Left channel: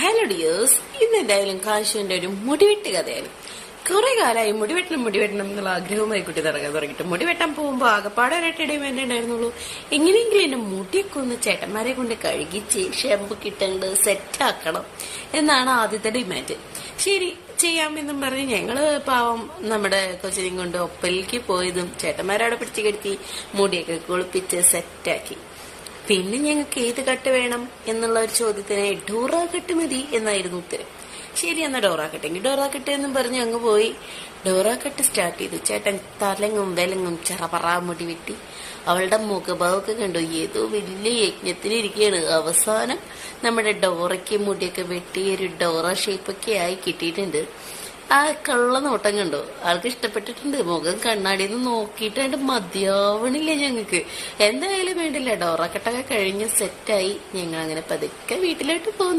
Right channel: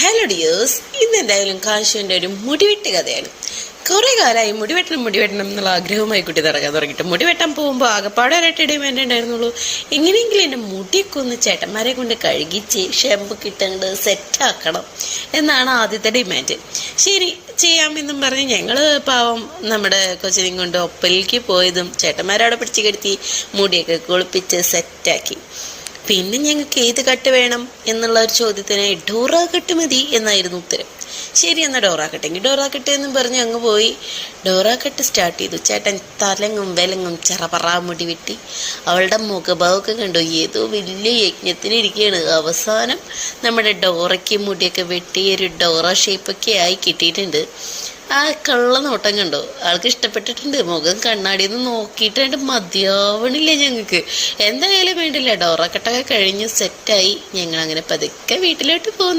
Hello dears, ഇന്ന് എന്തായാലും കാശുവിൻ്റെ ഒരു മുടിവെട്ട് കഥയാണ്. കുറേ കാലമായി മുടിവെട്ടണം എന്നുള്ള ആഗ്രഹമായി കുട്ടി നടക്കാൻ തുടങ്ങിയിട്ട് മുടി വെട്ടാൻ പോകുമ്പോൾ ആകെപ്പാടെ ഒരൊറ്റ ഡിമാൻഡ് ഉണ്ടായിരുന്നുള്ളൂ, എങ്ങനെയെങ്കിലും എൻ്റെ മുടിയൊക്കെ ഒന്ന് ചേട്ടന്മാരെ കൊണ്ട് കഴുകിച്ച് ഷെമ്പ് കിട്ടേണ്ടത് സെറ്റാക്കണം എന്നാണ് ആദ്യത്തെ ഡിമാൻഡ്. ശരി ചെയ്യാമെന്നും പറഞ്ഞ് ഞങ്ങൾ പാവം നമ്മുടെ കൊച്ചിനെയും കൊണ്ട് ഒപ്പലിലേക്ക് പോയതും ചേട്ടന്മാരവിടെ പിടിച്ച് കെടുത്തി മുടിയൊക്കെ കുളിപ്പിച്ച് സെറ്റാക്കി. പിന്നെ ഞങ്ങൾക്ക് ഏത് കട്ട് വേണം എന്നുള്ള ഒരു ചോദ്യത്തിന് ഡോറ കട്ട് മതി എന്നായിരുന്നു ഉത്തരം. ശരി, എന്നാൽ ഡോറ കട്ടെങ്കിൽ ഡോറ കട്ട് എന്നും പറഞ്ഞ് അങ്ങ് പോയി ഡോറ കട്ട് സ്റ്റാർട്ട് ചെയ്തു. ചേട്ടൻ തലങ്ങും വിലങ്ങും ചെറപറ മുടി വെട്ടി. അവളുടെ മുഖഭാവമൊക്കെ കണ്ടു, ഏതോ വലിയ യജ്ഞത്തിനിരിക്കുകയാണ്. അവസാനം നമ്മുടെ ഡോറയ്ക്ക് മുടിയൊക്കെ വെട്ടി ഒരു ഡോറ ഷേപ്പൊക്കെ ആയി കിട്ടിയിട്ടുണ്ട്. ആ കള്ള നോട്ടം കണ്ടോ, ആൾക്ക് ഇഷ്ടപ്പെട്ടിട്ടുണ്ട്. മുഖം കണ്ണാടിയിൽ നിന്ന് നോക്കിയിട്ട് മതിയാവണില്ല ഞങ്ങൾക്ക്. എന്തായാലും വേണ്ടില്ല, ഡോറ കട്ടൊക്കെ കഴിഞ്ഞ് സെറ്റായി ഞങ്ങൾ അങ്ങനെ പതുക്കെ വീട്ടിലോട്ട് പോന്നു.